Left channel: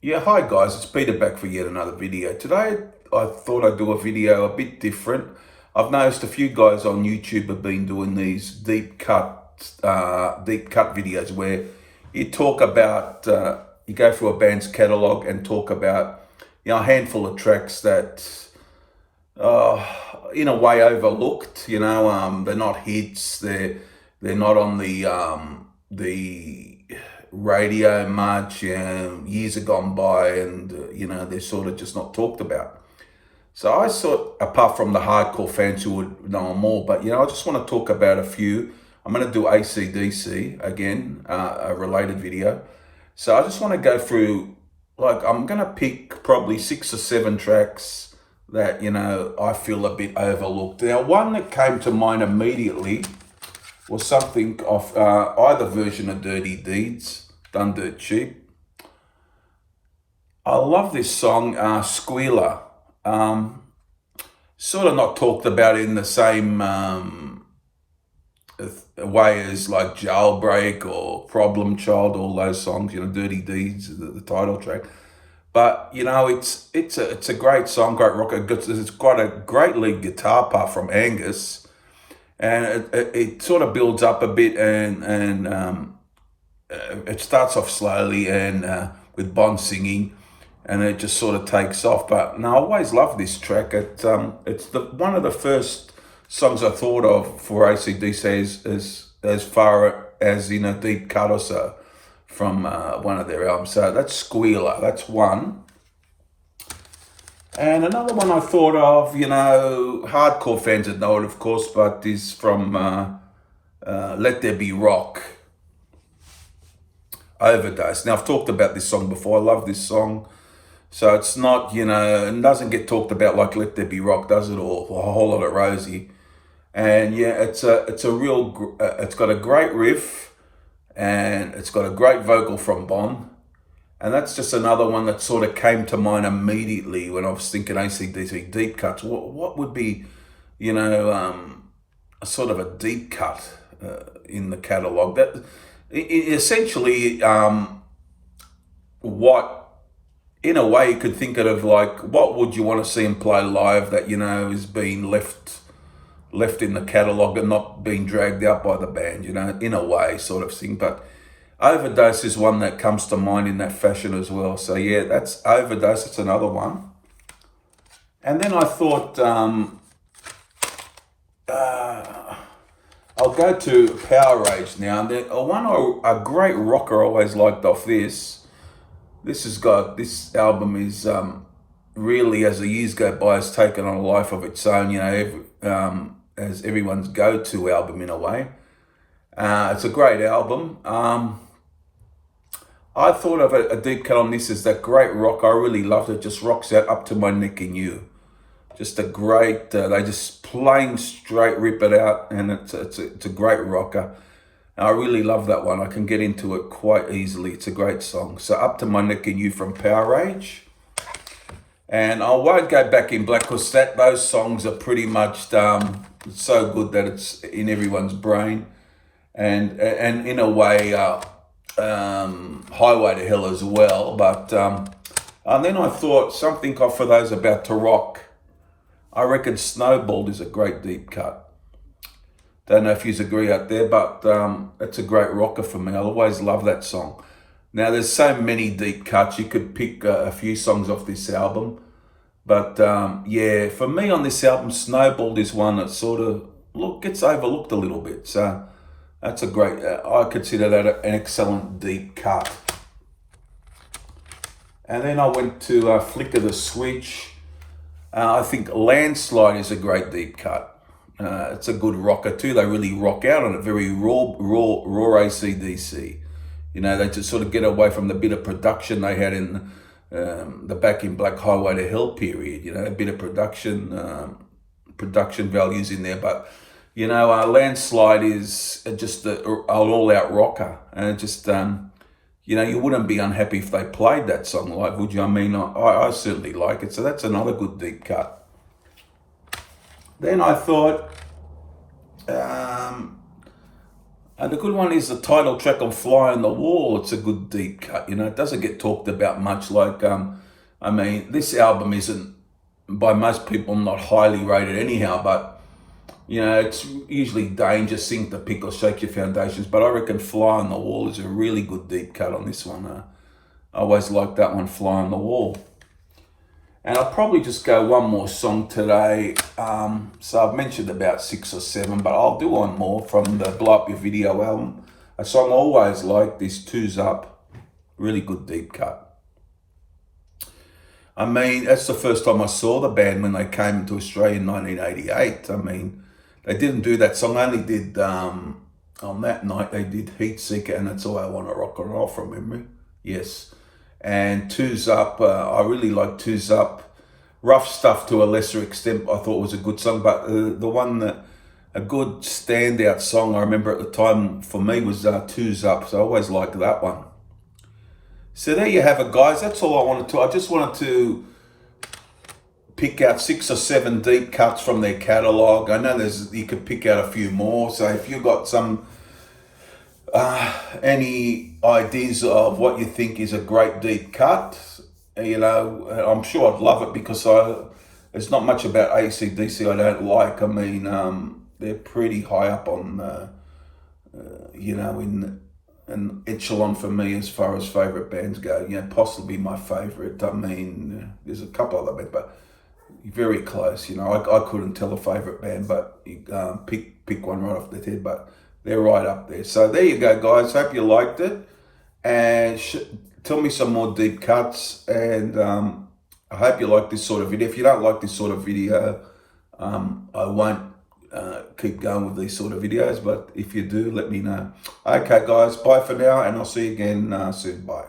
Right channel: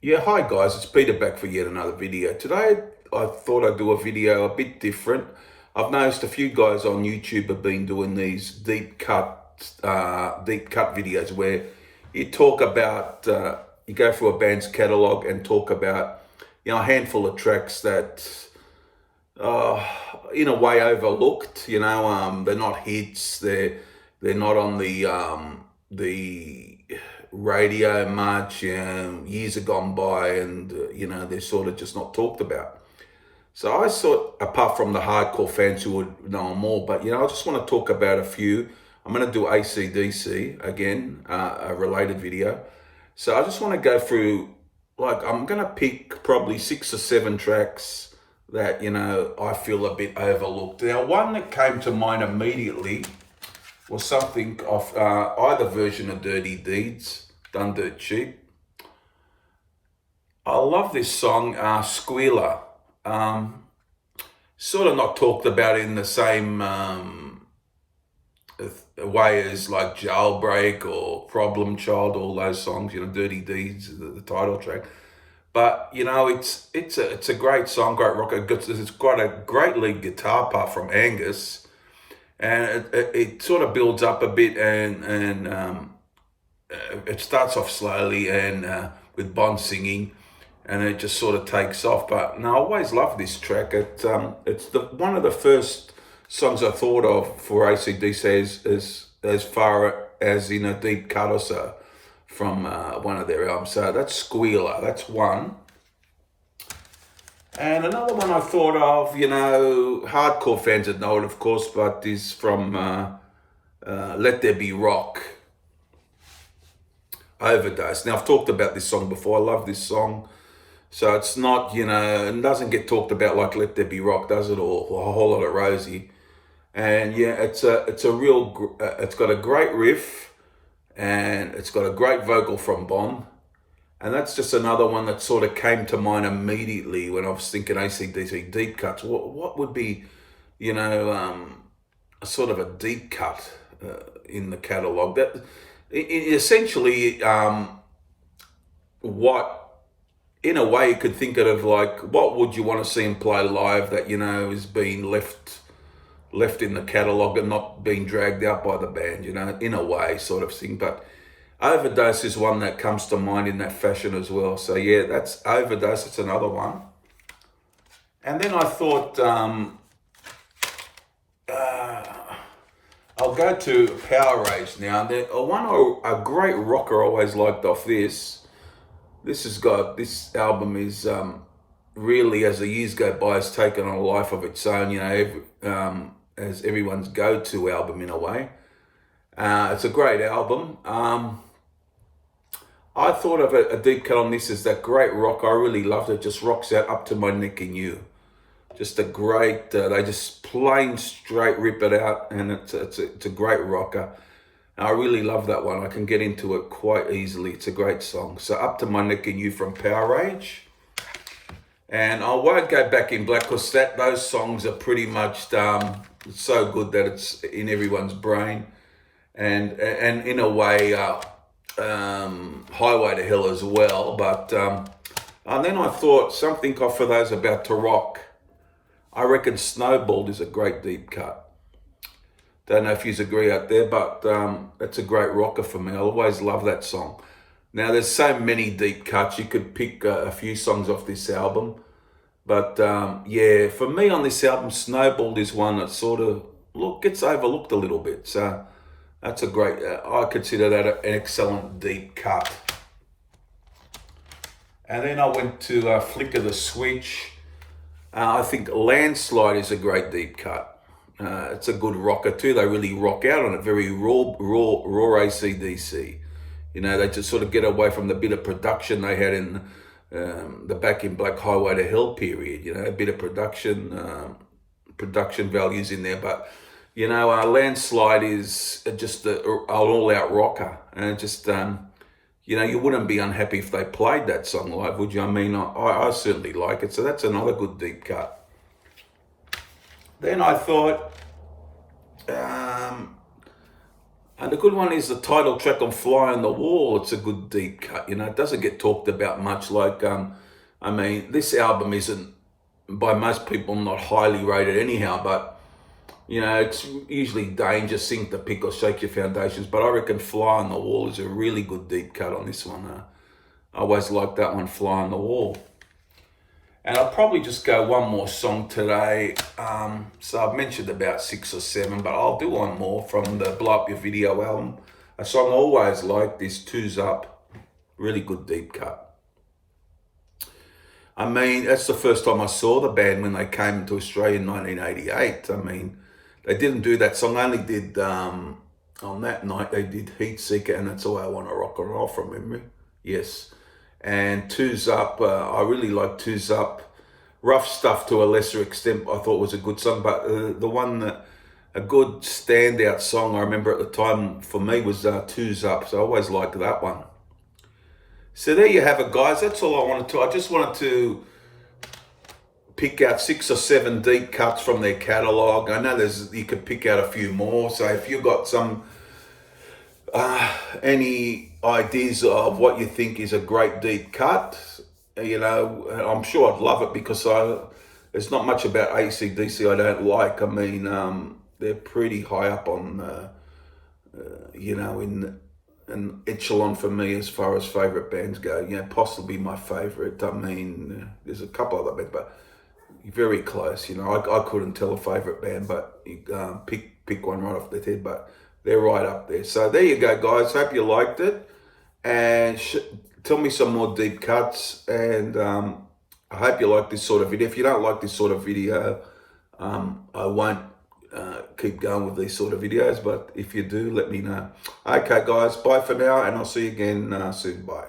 Yeah, hi guys, it's Peter back for yet another video. Today I thought I'd do a video a bit different. I've noticed a few guys on YouTube have been doing these deep cut videos where you talk about, you go through a band's catalog and talk about, a handful of tracks that, uh, in a way overlooked. They're not hits. They're not on the radio much. Years have gone by, and they're sort of just not talked about. So I thought, apart from the hardcore fans who would know them all, but I just want to talk about a few. I'm going to do AC/DC again, a related video. So I just want to go through, like, I'm going to pick probably 6 or 7 tracks that, I feel a bit overlooked. Now, one that came to mind immediately was something of either version of Dirty Deeds, Done Dirt Cheap. I love this song, Squealer. Sort of not talked about in the same way as like Jailbreak or Problem Child, all those songs, Dirty Deeds, the title track. But it's a great song, great rock. It's got a great lead guitar part from Angus, and it sort of builds up a bit, and it starts off slowly and with Bond singing, and it just sort of takes off. But no, I always love this track. It's one of the first songs I thought of for AC/DC as far as in a deep cut or so from one of their albums. So that's Squealer. That's one. And another one I thought of, hardcore fans would know it, of course, but is from Let There Be Rock, Overdose. Now, I've talked about this song before. I love this song. So it's not, it doesn't get talked about like Let There Be Rock, does it? Or A Whole Lot of Rosie. And yeah, it's a real, it's got a great riff, and it's got a great vocal from Bon. And that's just another one that sort of came to mind immediately when I was thinking AC/DC deep cuts. What would be, a sort of a deep cut in the catalogue? That essentially, what, in a way, you could think of like, what would you want to see him play live that is being left in the catalogue and not being dragged out by the band, in a way, sort of thing. But Overdose is one that comes to mind in that fashion as well. So yeah, that's Overdose. It's another one. And then I thought I'll go to Power Rage now. A great rocker I always liked off this. This album is really, as the years go by, has taken on a life of its own. As everyone's go-to album in a way. It's a great album. I thought of a deep cut on this as that great rock. I really loved it. Just rocks out Up to My Neck in You. Just a great. They just plain straight rip it out, and it's a great rocker. And I really love that one. I can get into it quite easily. It's a great song. So Up to My Neck in You from Power Rage. And I won't go back in black because those songs are pretty much so good that it's in everyone's brain, and in a way, Highway to Hell as well. But and then I thought something for those about to rock. I reckon Snowball is a great deep cut. Don't know if you agree out there, but it's a great rocker for me. I always love that song. Now, there's so many deep cuts. You could pick a few songs off this album. But yeah, for me on this album, Snowball is one that sort of gets overlooked a little bit. So that's a great, I consider that an excellent deep cut. And then I went to Flicker the Switch. I think Landslide is a great deep cut. It's a good rocker too. They really rock out on it, very raw AC/DC. They just sort of get away from the bit of production they had in the Back in Black Highway to Hell period. A bit of production values in there. But, Landslide is just an all-out rocker. And it just, you wouldn't be unhappy if they played that song live, would you? I mean, I certainly like it. So that's another good deep cut. Then I thought, And the good one is the title track on Fly on the Wall. It's a good deep cut, you know. It doesn't get talked about much. Like, I mean, this album isn't, by most people, not highly rated anyhow, but, you know, it's usually danger, sink the pick or shake your foundations. But I reckon Fly on the Wall is a really good deep cut on this one. I always like that one, Fly on the Wall. And I'll probably just go one more song today. So I've mentioned about 6 or 7, but I'll do one more from the Blow Up Your Video album. A song I always like, this Two's Up. Really good deep cut. I mean, that's the first time I saw the band when they came to Australia in 1988. I mean, they didn't do that song. I only did, on that night, they did Heat Seeker and That's All I Want to Rock and Roll from memory. Yes. And Two's Up, I really like Two's Up. Rough Stuff to a lesser extent, I thought was a good song, but the one that, a good standout song I remember at the time for me was Two's Up, so I always liked that one. So there you have it, guys. That's all I wanted to. I just wanted to pick out 6 or 7 deep cuts from their catalogue. I know you could pick out a few more, so if you've got some any ideas of what you think is a great deep cut, you know, I'm sure I'd love it, because there's not much about AC/DC I don't like. I mean, they're pretty high up on, you know, in an echelon for me as far as favourite bands go. You know, possibly my favourite. I mean, there's a couple other bands, but very close. You know, I couldn't tell a favourite band, but you pick one right off the head, but they're right up there. So there you go, guys. Hope you liked it. And tell me some more deep cuts. And I hope you like this sort of video. If you don't like this sort of video, I won't keep going with these sort of videos. But if you do, let me know. Okay, guys. Bye for now. And I'll see you again soon. Bye.